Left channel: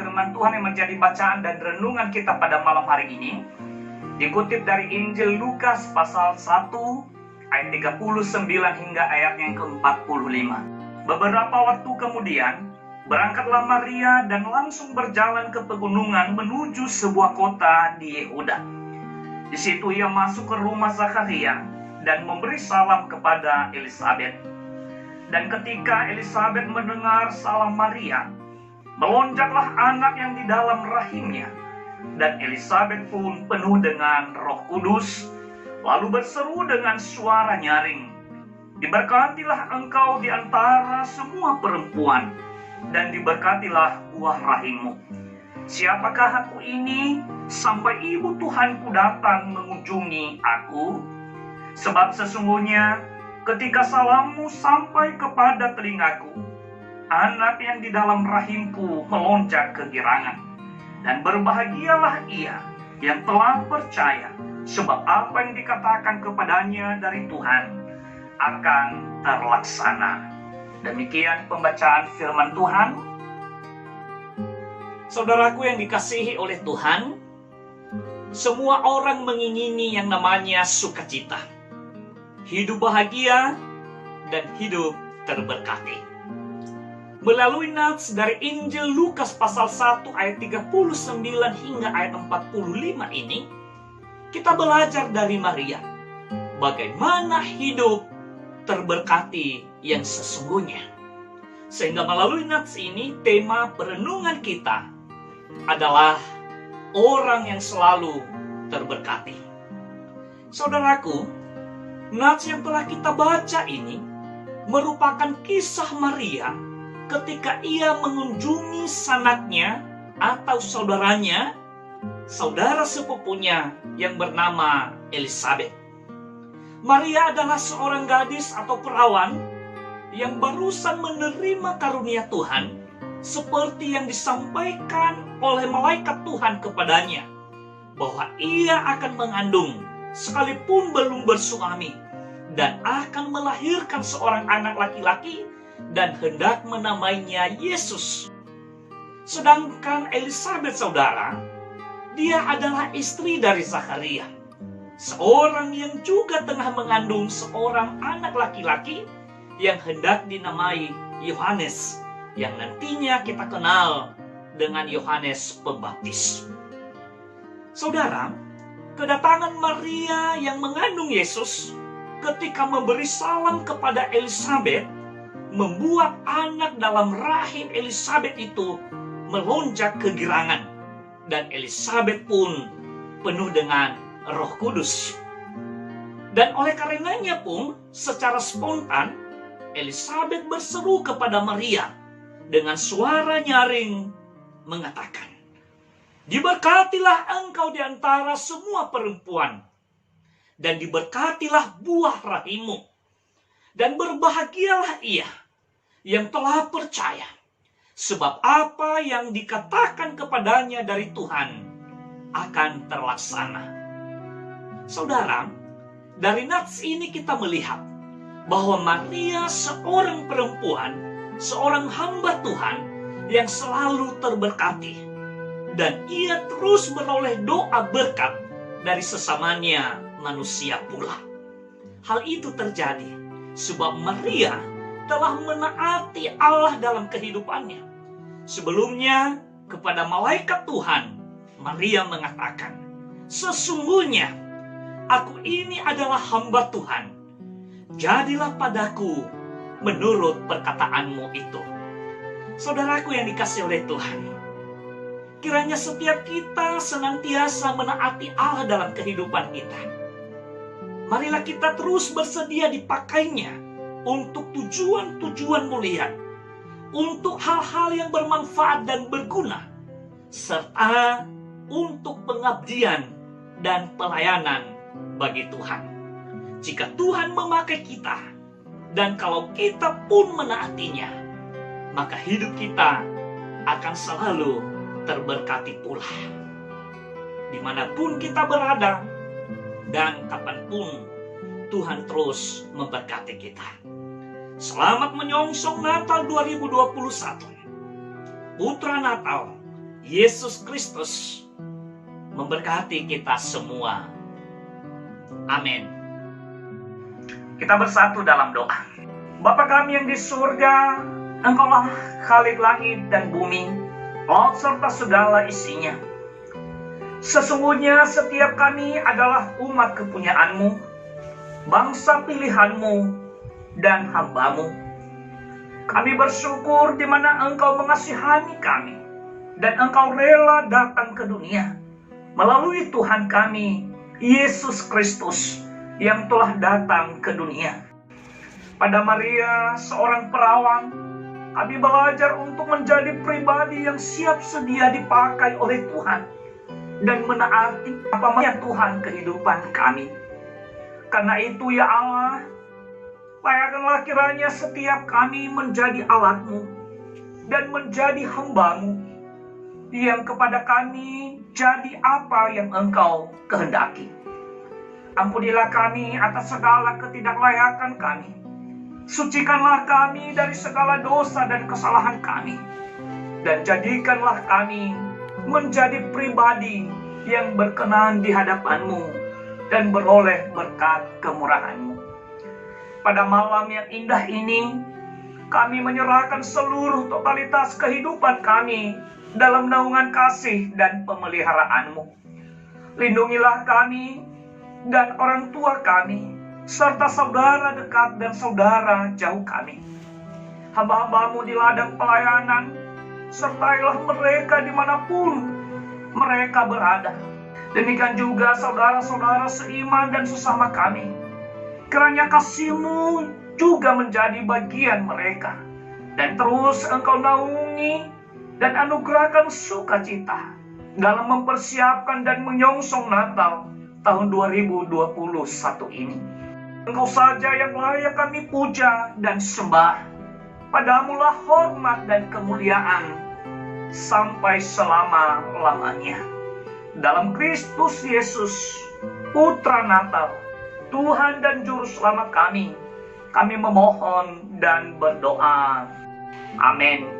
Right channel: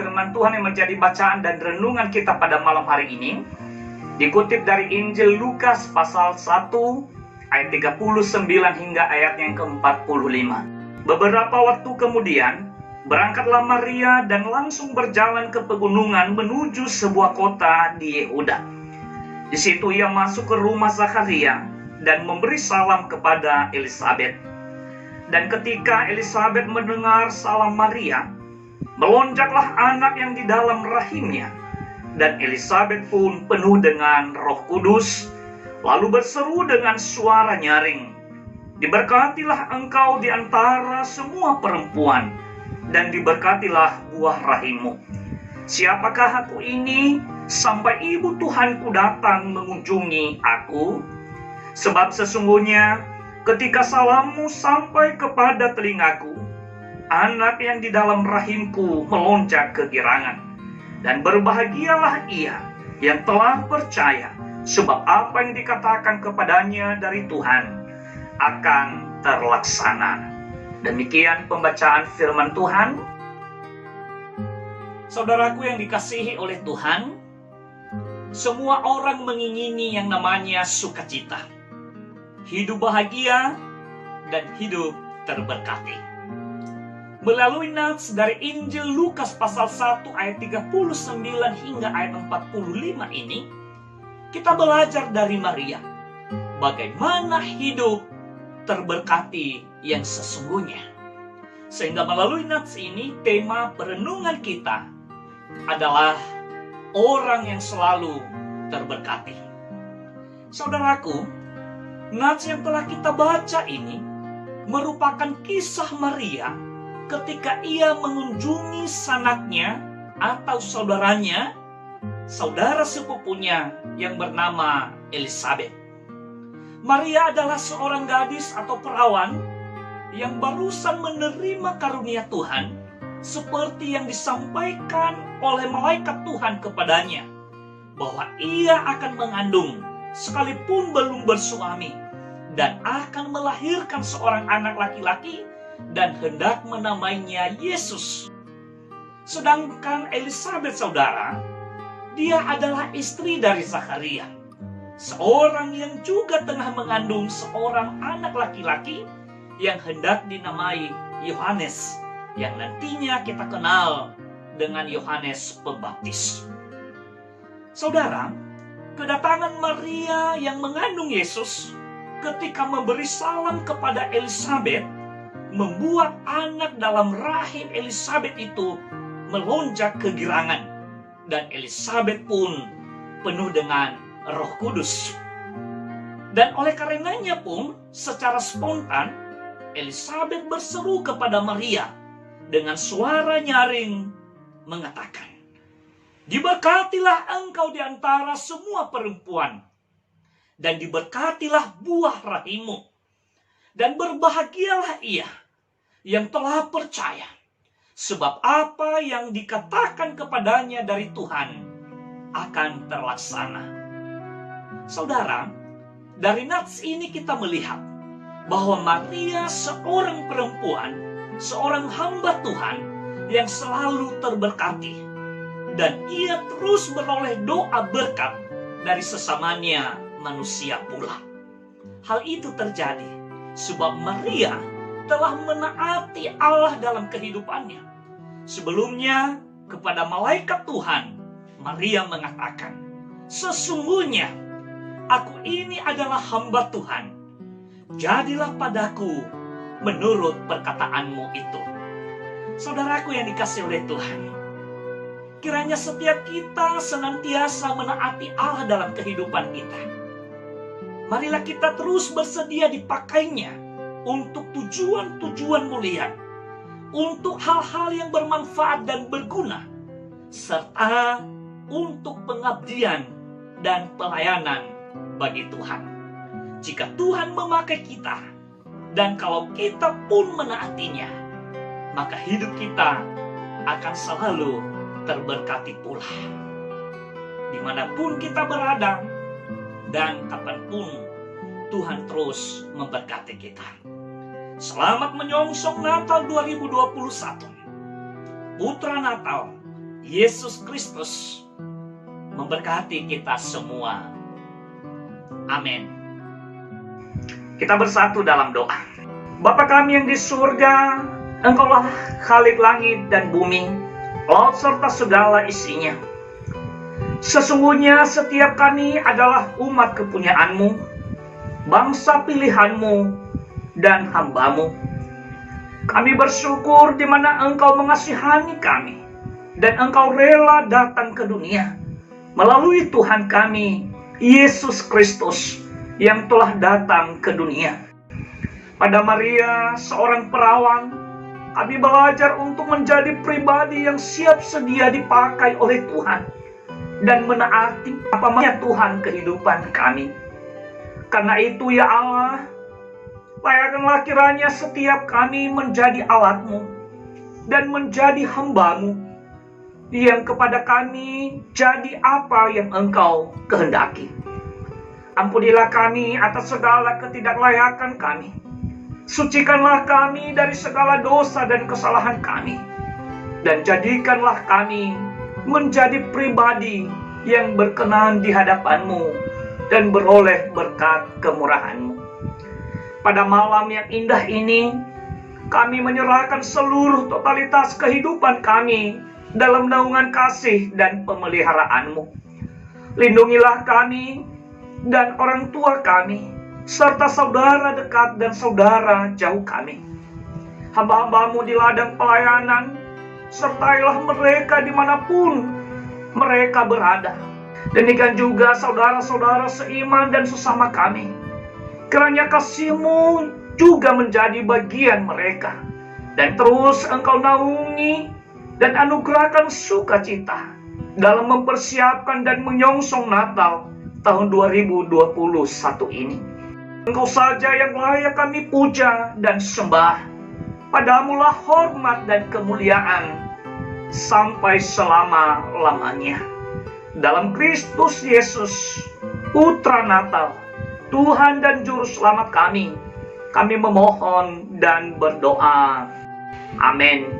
firman Tuhan yang menjadi bacaan dan renungan kita pada malam hari ini dikutip dari Injil Lukas pasal 1 ayat 39 hingga ayat yang ke-45. Beberapa waktu kemudian berangkatlah Maria dan langsung berjalan ke pegunungan menuju sebuah kota di Yehuda. Di situ ia masuk ke rumah Zakaria dan memberi salam kepada Elisabet. Dan ketika Elisabet mendengar salam Maria, melonjaklah anak yang di dalam rahimnya. Dan Elisabet pun penuh dengan Roh Kudus, lalu berseru dengan suara nyaring, "Diberkatilah engkau di antara semua perempuan, dan diberkatilah buah rahimmu. Siapakah aku ini sampai ibu Tuhanku datang mengunjungi aku? Sebab sesungguhnya ketika salammu sampai kepada telingaku, anak yang di dalam rahimku melonjak kegirangan. Dan berbahagialah ia yang telah percaya, sebab apa yang dikatakan kepadanya dari Tuhan akan terlaksana." Demikian pembacaan firman Tuhan. Saudaraku yang dikasihi oleh Tuhan, semua orang mengingini yang namanya sukacita, hidup bahagia, dan hidup terberkati. Melalui nats dari Injil Lukas pasal 1 ayat 39 hingga ayat 45 ini, kita belajar dari Maria bagaimana hidup terberkati yang sesungguhnya. Sehingga melalui nats ini, tema perenungan kita adalah orang yang selalu terberkati. Saudaraku, nats yang telah kita baca ini merupakan kisah Maria ketika ia mengunjungi sanaknya atau saudaranya, saudara sepupunya yang bernama Elisabet. Maria adalah seorang gadis atau perawan yang barusan menerima karunia Tuhan seperti yang disampaikan oleh malaikat Tuhan kepadanya, bahwa ia akan mengandung sekalipun belum bersuami dan akan melahirkan seorang anak laki-laki dan hendak menamainya Yesus. Sedangkan Elisabet, saudara, dia adalah istri dari Zakaria, seorang yang juga tengah mengandung seorang anak laki-laki yang hendak dinamai Yohanes, yang nantinya kita kenal dengan Yohanes Pembaptis. Saudara, kedatangan Maria yang mengandung Yesus ketika memberi salam kepada Elisabet membuat anak dalam rahim Elisabet itu melonjak kegirangan, dan Elisabet pun penuh dengan Roh Kudus. Dan oleh karenanya pun secara spontan Elisabet berseru kepada Maria dengan suara nyaring mengatakan, "Diberkatilah engkau di antara semua perempuan, dan diberkatilah buah rahimmu, dan berbahagialah ia yang telah percaya, sebab apa yang dikatakan kepadanya dari Tuhan akan terlaksana." Saudara, dari nats ini kita melihat bahwa Maria seorang perempuan, seorang hamba Tuhan yang selalu terberkati, dan ia terus beroleh doa berkat dari sesamanya manusia pula. Hal itu terjadi sebab Maria telah menaati Allah dalam kehidupannya. Sebelumnya kepada malaikat Tuhan, Maria mengatakan, "Sesungguhnya aku ini adalah hamba Tuhan. Jadilah padaku menurut perkataanmu itu." Saudaraku yang dikasihi oleh Tuhan, kiranya setiap kita senantiasa menaati Allah dalam kehidupan kita. Marilah kita terus bersedia dipakainya untuk tujuan-tujuan mulia, untuk hal-hal yang bermanfaat dan berguna, serta untuk pengabdian dan pelayanan bagi Tuhan. Jika Tuhan memakai kita, dan kalau kita pun menaatinya, maka hidup kita akan selalu terberkati pula. Dimanapun kita berada, dan kapanpun Tuhan terus memberkati kita. Selamat menyongsong Natal 2021. Putra Natal, Yesus Kristus memberkati kita semua. Amin. Kita bersatu dalam doa. Bapa kami yang di surga, Engkaulah Khalik langit dan bumi, laut serta segala isinya. Sesungguhnya setiap kami adalah umat kepunyaan-Mu, bangsa pilihan-Mu, dan hamba-Mu. Kami bersyukur di mana Engkau mengasihani kami, dan Engkau rela datang ke dunia melalui Tuhan kami, Yesus Kristus, yang telah datang ke dunia. Pada Maria, seorang perawan, kami belajar untuk menjadi pribadi yang siap sedia dipakai oleh Tuhan dan menaati apa maunya Tuhan kehidupan kami. Karena itu ya Allah, layakkanlah kiranya setiap kami menjadi alat-Mu dan menjadi hamba-Mu, yang kepada kami jadi apa yang Engkau kehendaki. Ampunilah kami atas segala ketidaklayakan kami. Sucikanlah kami dari segala dosa dan kesalahan kami. Dan jadikanlah kami menjadi pribadi yang berkenan di hadapan-Mu dan beroleh berkat kemurahan-Mu. Pada malam yang indah ini, kami menyerahkan seluruh totalitas kehidupan kami dalam naungan kasih dan pemeliharaan-Mu. Lindungilah kami dan orang tua kami, serta saudara dekat dan saudara jauh kami. Hamba-hamba-Mu di ladang pelayanan, sertailah mereka dimanapun mereka berada. Demikian juga saudara-saudara seiman dan sesama kami. Kiranya kasih-Mu juga menjadi bagian mereka, dan terus Engkau naungi dan anugerahkan sukacita dalam mempersiapkan dan menyongsong Natal tahun 2021 ini. Engkau saja yang layak kami puja dan sembah. Padamu-lah hormat dan kemuliaan sampai selama-lamanya. Dalam Kristus Yesus, Putra Natal, Tuhan dan Juru Selamat kami memohon dan berdoa. Amin.